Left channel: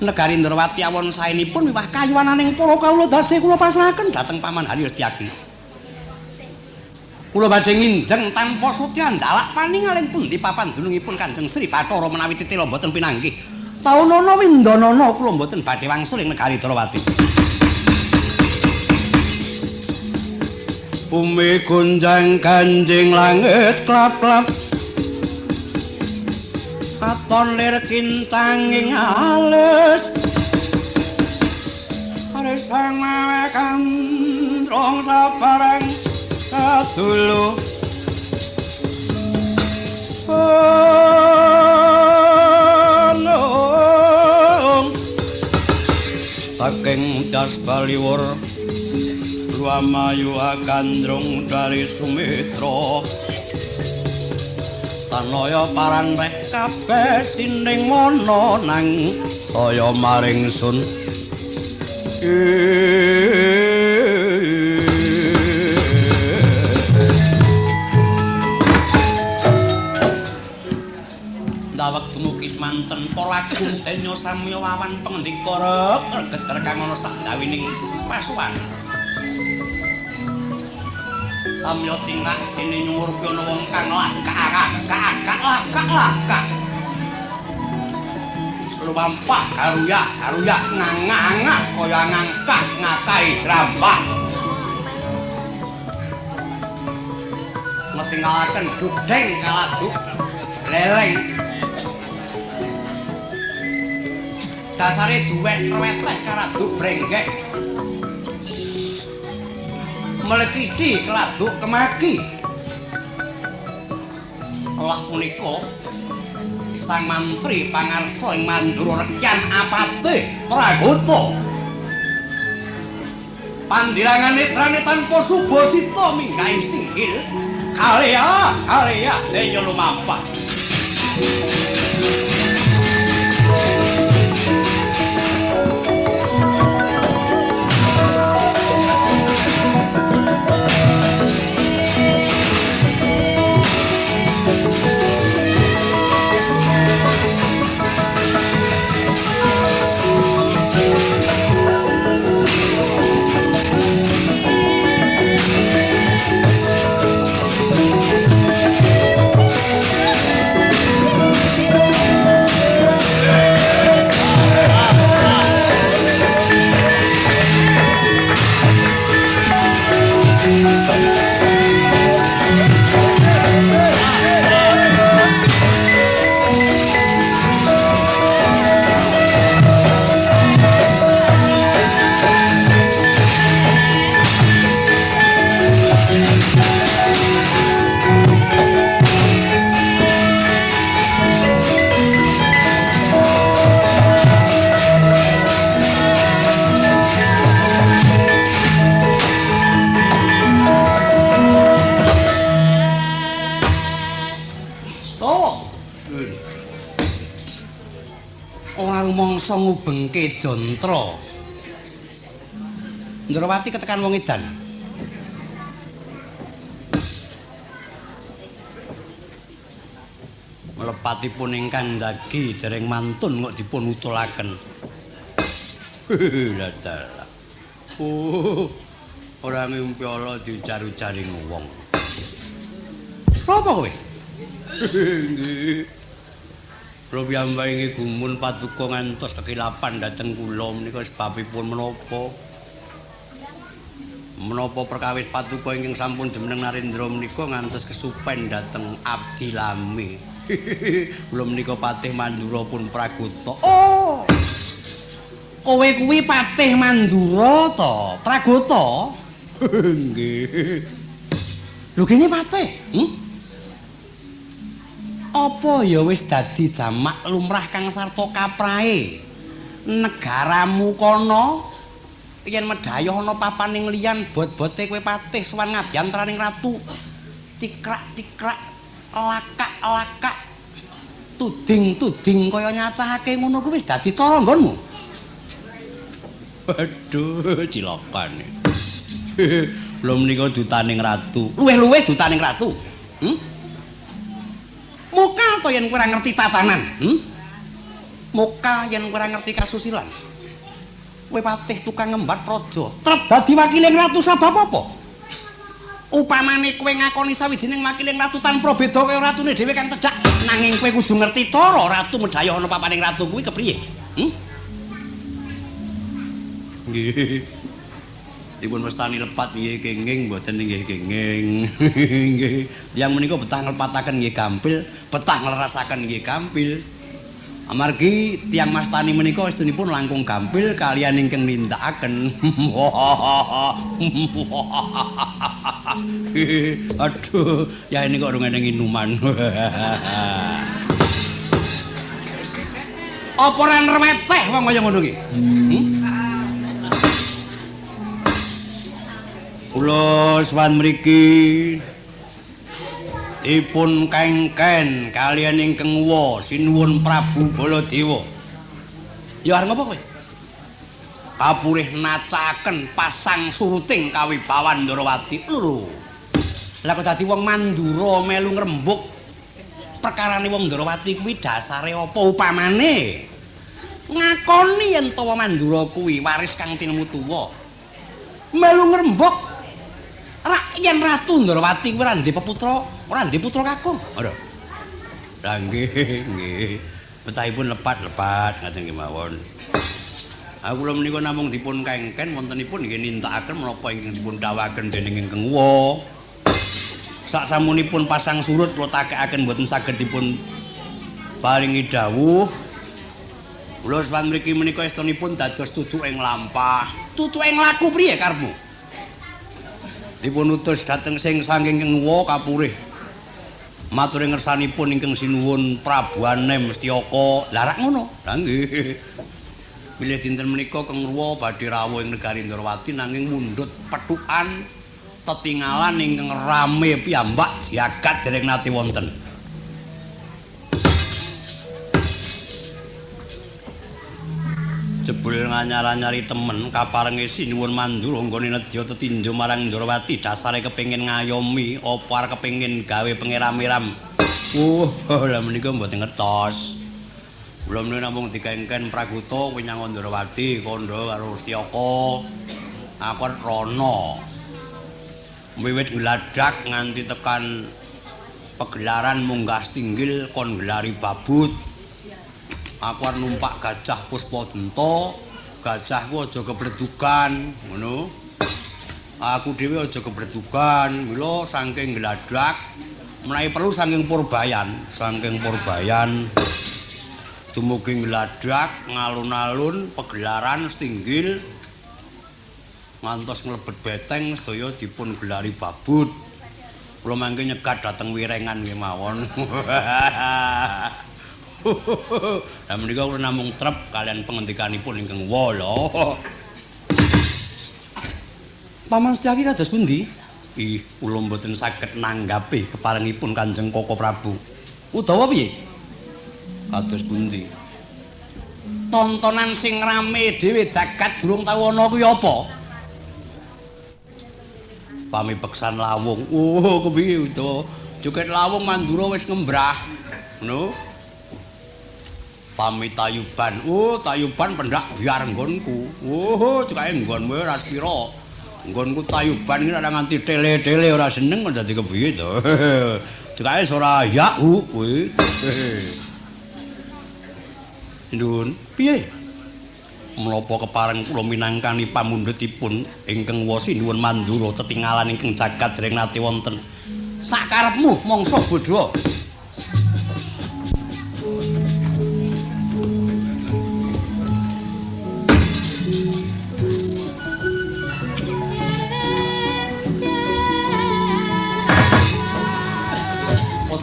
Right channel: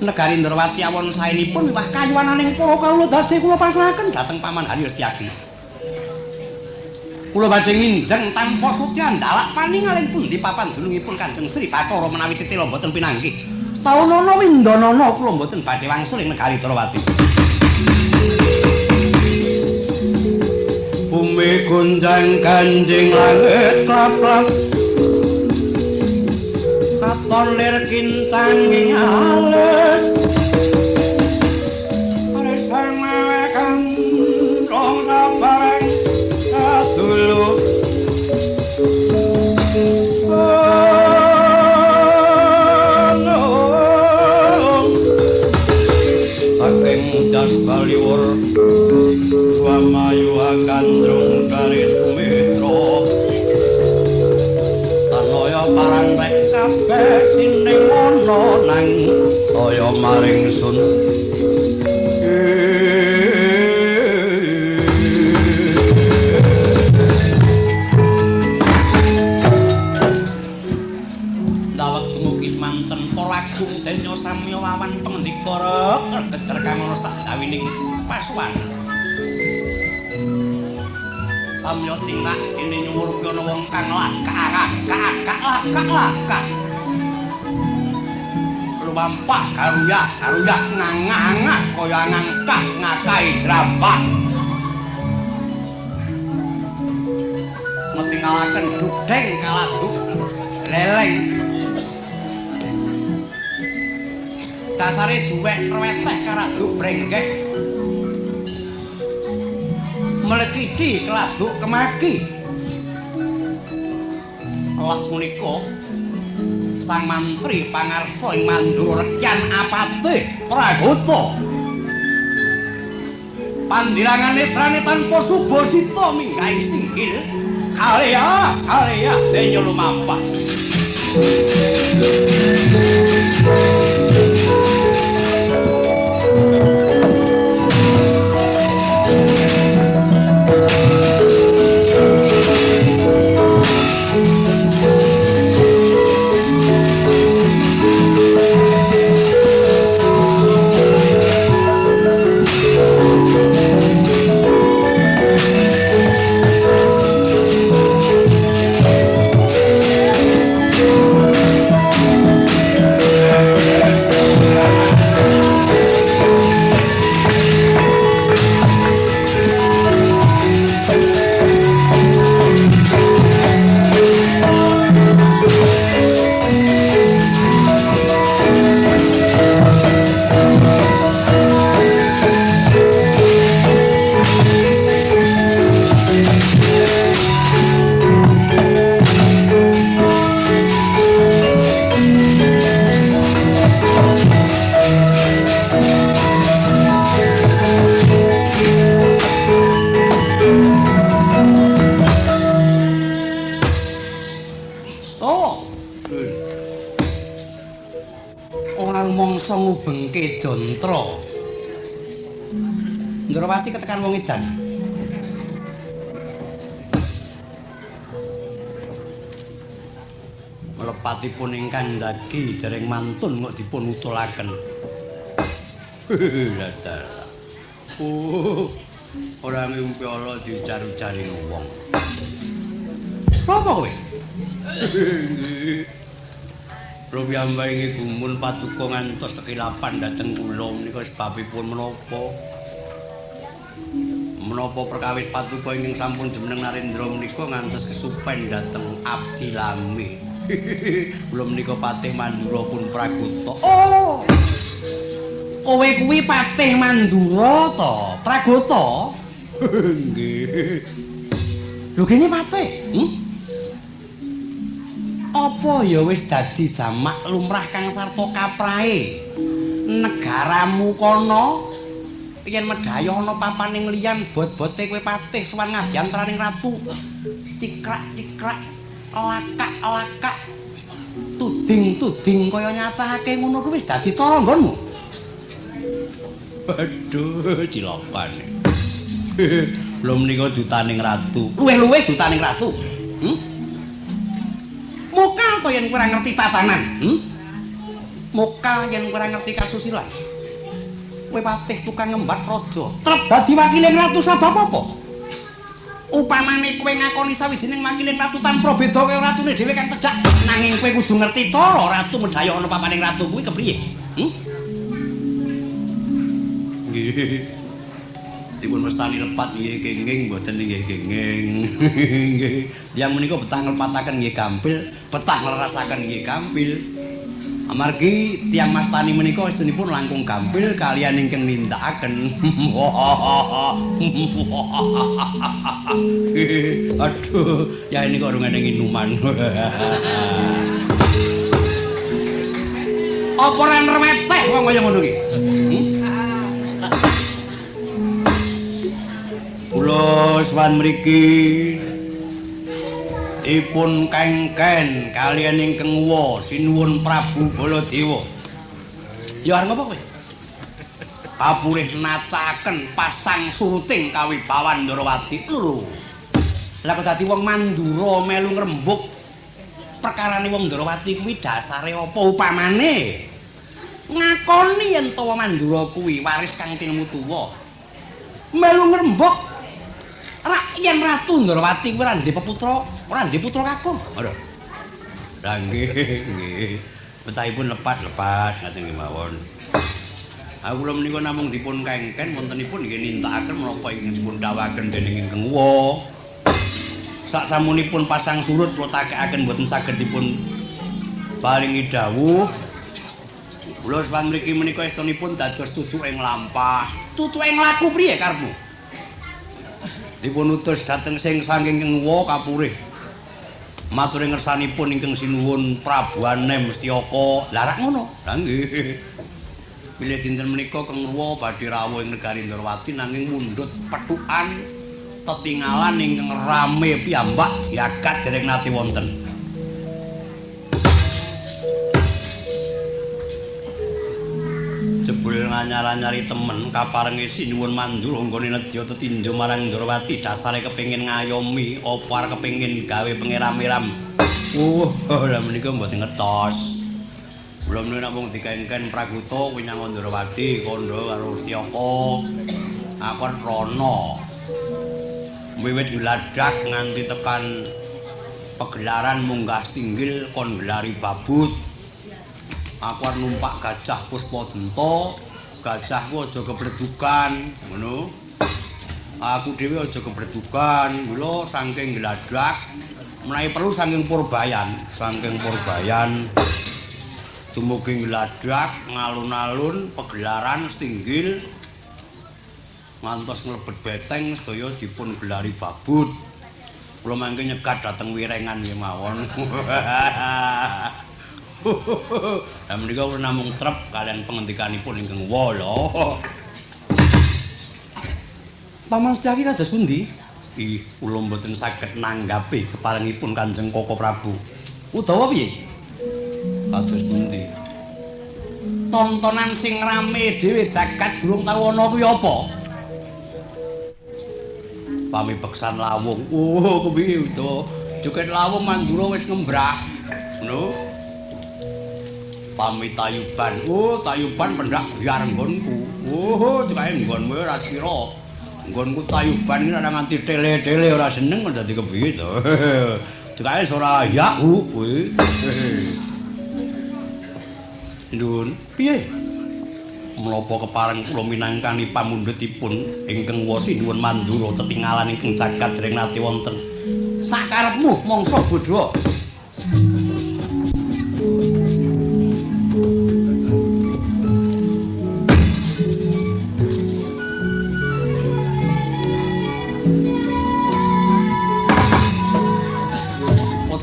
Negari Ndrawati awon saenipun miwah kayuwananing para kawula dase kula pasrahaken dhateng Paman Hari Setyaki. Kula badhe nginjeng tanpa sutyan jalak paningaling pundi papan dunungipun Kanjeng Sri Bathara menawi titila boten pinanggih. Taunana windanana kula boten badhe wangsul ing negari Ndrawati. Bumi gunjang ganjing langit klap-klap. Katon lir kintanging alus Aresang mawekan Rong sabarang Kadulu Saking das baliwur Wamayu agandrung dari Sumitra Tanaya parantek kabeh sining ana nang saya maring sun dawek dumugi semanten polagung denya samya wawan pangandika rek geger kang ana sak gawining pasuwan samya cingak dene nyumur ana wong kang lakak lumampah garuyah ngangah kaya ngangkak ngakai jrambah ngetingalaken dugdeng kaladuk leleng dasare duwek reweteh karaduk brenggeh melekidi keladuk kemaki Allah punika sang mantri pangarsa ing Mandura Rekyan Apatih Pragata panggilangan netrane tanpa subasita minggaing singgil kalea denya lumampah ngubengke jantra Ndrawati ketekan wong edan melepatipun ingkang njagi dereng mantun kok dipun utulaken dadah ora ngimpi ala dijaru-jaring wong sapa kowe Kula piyambake gumun paduka ngantos kekilapan dhateng kula menika sebabipun menapa? Menapa perkawis paduka ingkang sampun jumeneng Narendra menika ngantos kesupen dhateng abdi lami. Kula menika Patih Mandura pun Pragata. Oh. Kowe kuwi Patih Mandura to, Pragata? Nggih. Lho kene Patih, apa ya wis dadi jamak lumrah kang sarta kaprahe negaramu kono yen medhayoh ana papaning liyan bot-bote kowe patih sowan ngabyantraning ratu cikrak-cikrak lakak-lakak tuding-tuding kaya nyacahake ngono kuwi wis dadi cara nggonmu. Waduh cilokan. Belum menika dutaning ratu. Luwih-luwih dutaning ratu. Mokal to yen kowe ora ngerti tatanan. Muka yen ora ngerti kasusilan. Kowe patih tukang ngembat praja, trep dadi wakiling ratu sabab apa? Upamane kowe ngakoni sawijining wakiling ratu tanpa beda kaya ratune dhewe kan tedhak, nanging kowe kudu ngerti cara ratu medhaya ana papaning ratu kuwi kepriye. Nggih. Dipun mestani lepat nggih kenging mboten nggih kenging. Nggih. Yang menika betah nglepataken nggih gampil, betah nglerasaken nggih gampil. Amargi tiyang mastani menika estunipun langkung gampil kaliyan ingkang nindakaken. Aduh, ya ini kok urung eneng inuman. Apa ora nreweteh wong kaya ngono ki? Kula sowan mriki ipun kengken kaliyan ingkang wa sinuwun Prabu Baladewa. Ya arep ngopo kowe? Kapulih nacaken pasang suruting kawibawan Ndrawati lho. Lah kok dadi wong Mandura melu ngrembug perkarane wong Ndrawati kuwi dasare apa upamane? Ngakoni yen to Mandura kuwi waris kang tilmu tuwa. Melu ngrembug yen Ratu Ndrawati kuwi ora ndek peputra, ora ndek putra kakung. Lho. Lah nggih, nggih. Betahipun lepat-lepat ngaten nggih mawon. Aku kula menika namung dipun kengken wontenipun nggih nindakaken menapa ingkang dipun dawuhaken dening ingkang wa. Saksamunipun pasang surut kula takekaken mboten saged dipun paringi dawuh. Kula sawan mriki menika estunipun dados tujuking lampah. Tutuking laku priye karepmu? Dipun utus dhateng sing saking ingkang wa kapurih. Matur ngersanipun ingkang sinuwun Prabu Anem Setyaka. Lah rak ngono. Lah nggih. Bilih dinten menika Kang Ruwa badhe rawuh ing negari Ndrawati nanging mundhut pethukan tetinggalan ingkang rame piyambak jagat dereng nate wonten. Jebul nganyar-anyari temen kaparengi sinuwun Mandura nggone nedya tetindha marang Ndrawati dasare kepengin ngayomi apa arep kepengin gawe pengeram-eram. Lah menika mboten ngetos. Kula menika namung dikengken Praguta winyang Ndrawati kandha karo Setyaka. Aku rono. Wiwit gladak nganti tekan pegelaran munggah tinggil kon gelari babut. Aku arep numpak gajah Puspadenta, gajahku aja kebledukan, ngono. Aku dhewe aja kebledukan, mula saking gladak menawi perlu saking Purbayan, dumugi gladak ngalun-alun pegelaran setinggil ngantos nglebet beteng sedaya dipun gelari babut. Kula mangke nyekat dhateng Wirengan nggih mawon. Lah menika kula namung trep kalian pengendikanipun ingkang wa lho. Paman Setyaki kados pundi? Ih, kula mboten saged nanggapi keparengipun Kanjeng Koko Prabu. Udawa piye? Kados pundi? Tontonan sing rame dhewe jagat durung tau ana kuwi apa? Pamibeksan lawung. Oh, kepiye to? Joget lawung Mandura wis ngembrah. Ngono. Pamitayuban. Oh, tayuban pendak biar nggonku. Oh, cekae nggonmu ora sepira. Nggonku tayuban iki ora nganti tele-tele ora seneng kok dadi kepiye to. Cekae ora ya kuwi. Ndun, piye? Menapa kepareng kula minangkani pamundhutipun ingkang wa sinuwun Mandura tetinggalan ingkang jagat dereng nate wonten. Sakarepmu mangsa bodho.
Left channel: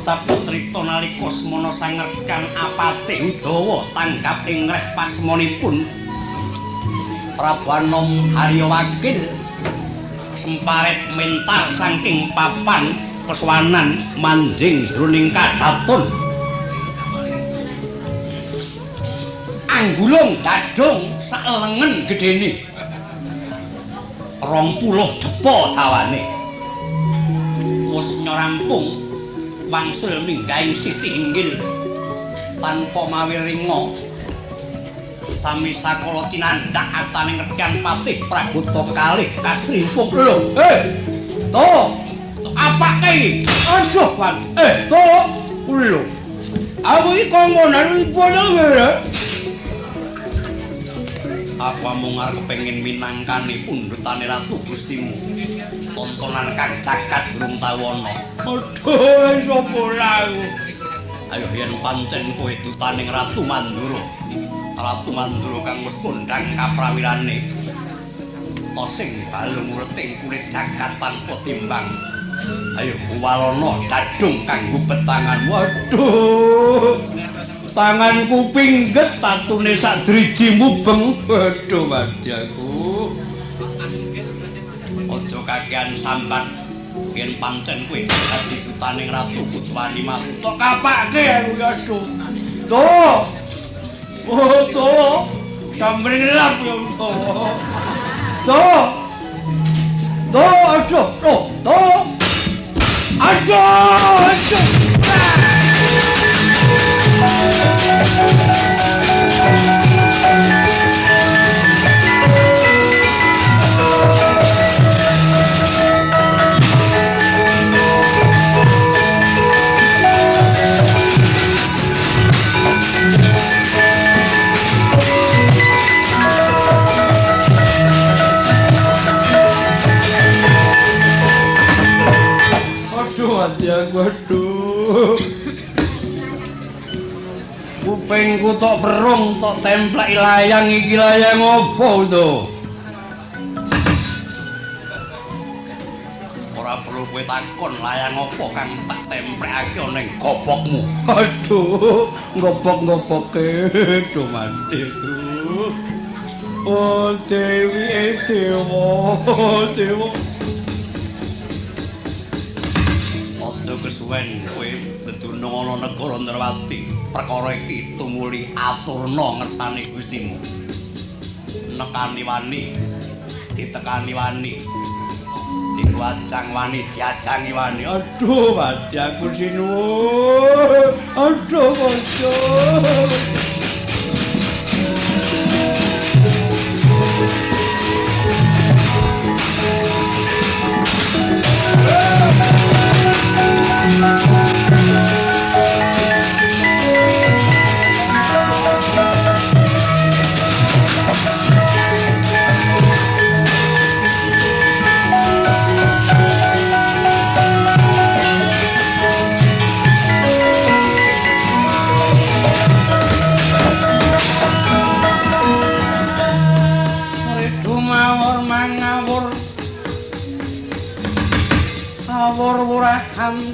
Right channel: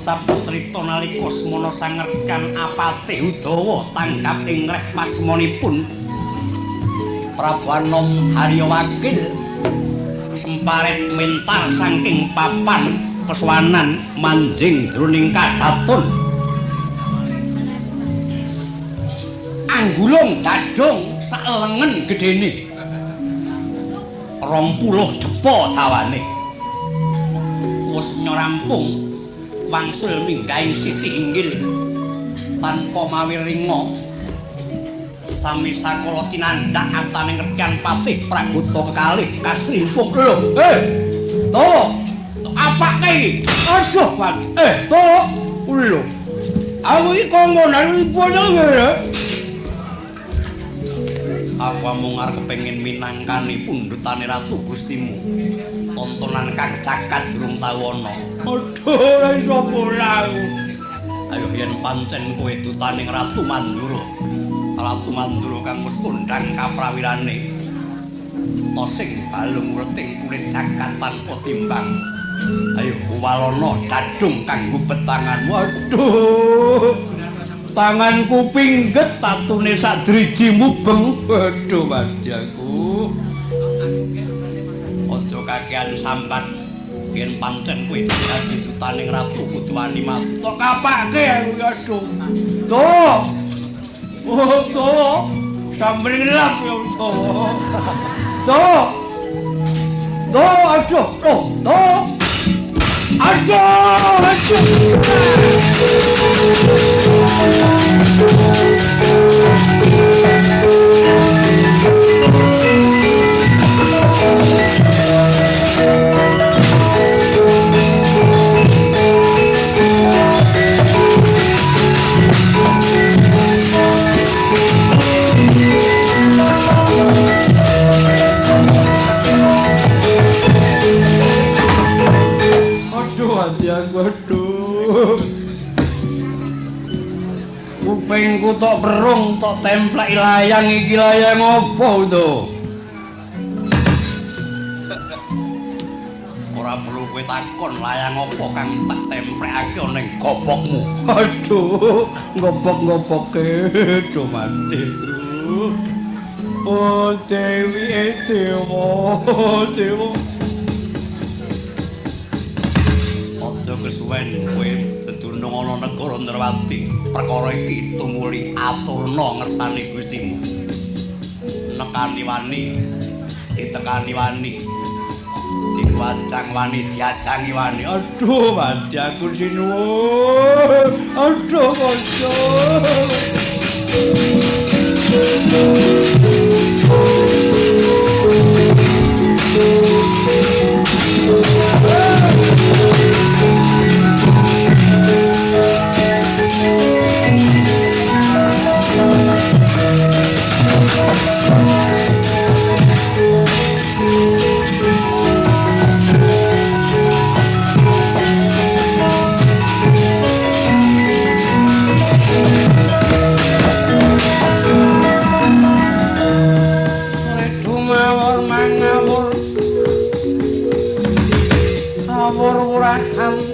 Putrita nalika semana sangercan apate Udawa tanggap ing reh pasmonipun Prabu Anom Harya Wakil semparet mental saking papan pesuwanan manjing jroning kadhaton anggulung gadhong salengen gedene 20 depa dawane wis nyorampung wangsul mindhahing Siti Inggil tanpa mawi ringa sami sakala tinandak astaning Repyan Patih Pragoto kalih kasrimpuk lho. To apake iki? Aduh, Pak. To lho. Aku iki kongkonan ibu ya. Aku amung arep kepengin minangkani pundhutane Ratu Gustimu. Tontonan kang cakat durung tau ana. Aduh, ora iso pola aku. Ayo yen pancen kowe dutaning Ratu Mandura. Ratu Mandura kang wis kondhang kaprawirane. To sing balung reting kulit cakat tanpa timbang. Ayo uwalana kadung kanggo betangan. Waduh. Tanganku pingget tatune sak driji mubeng. Waduh madyaku. Aja kakean sambat yen pancen kowe dadi dutaning Ratu Kucwani mati. Tok kapake aku ya aduh. Tuh. Oh, tuh. Sambrelap yo tuh. Tuh. Tuh, aduh. Oh, tuh. Aduh, aduh. Waduh. Kupingku tok berung tok templek layang iki layang opo to? Ora perlu kowe takon layang opo kang tak templekake ning gopokmu. Aduh, gopok-gopoke do mati. Oh Dewi Dewa. Kesuwen kowe dedunung ana negara Ndrawati perkara iki tumuli aturna ngersani Gustimu nekani wani ditekani wani diwacang wani diajangi wani aduh mati aku sinuwun aduh kanca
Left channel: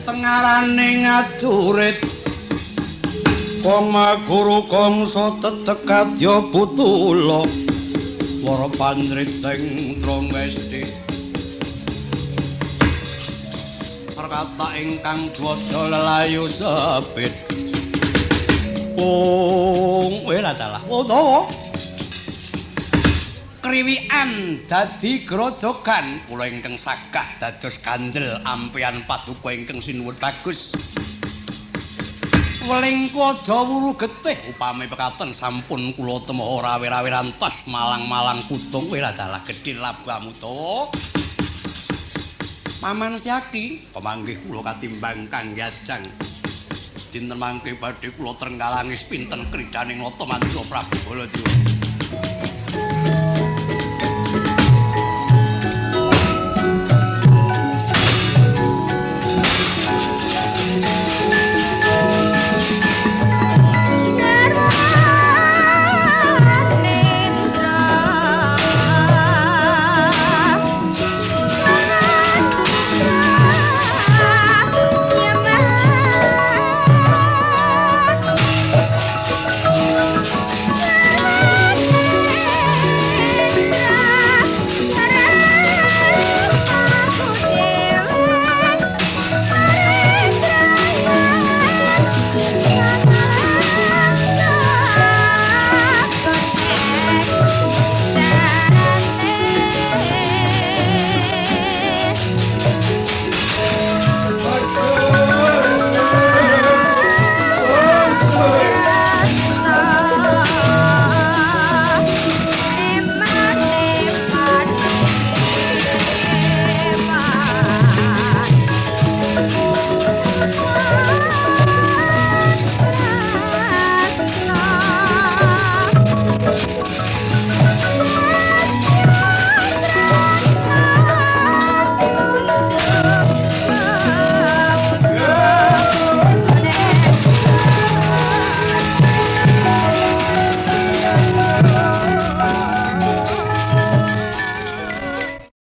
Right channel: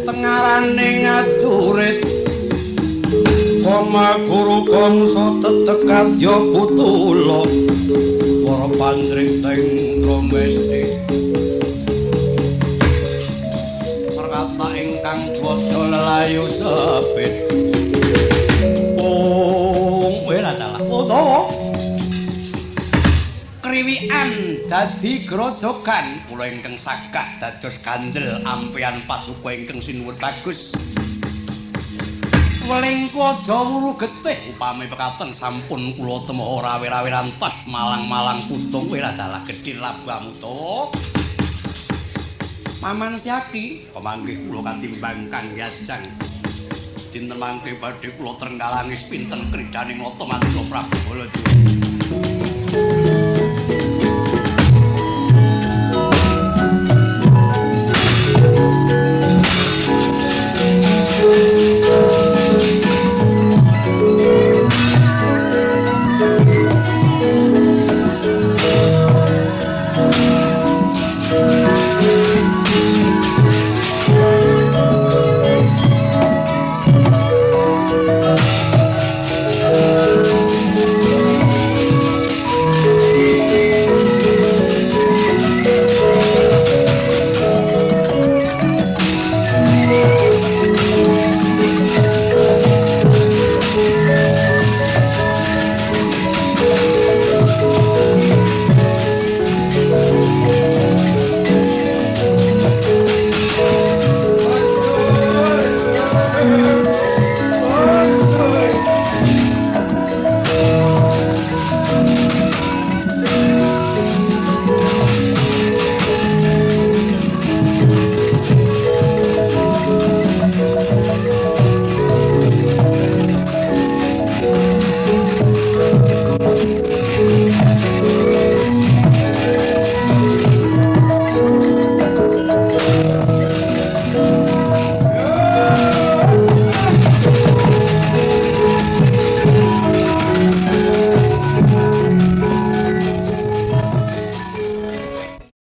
tengarane ngadurit koma guru kongso tetekat yo putula para panjriting tromesti perkata ingkang dwada lelayu sepit ora dalah utawa kriwikan dadi grojogan kula ingkang sagah dados ganjel ampian paduka ingkang sinuwun bagus weling aja wuru getih upami pekaten sampun kula temoho rawe-rawe rantas malang-malang putung ora dalah gedhe labamu to Paman Setyaki pamanggih kula katimbang Kang Yajang dinten mangke badhe kula trenggalanis pinten kridaning Nata Mandura Prabu Baladewa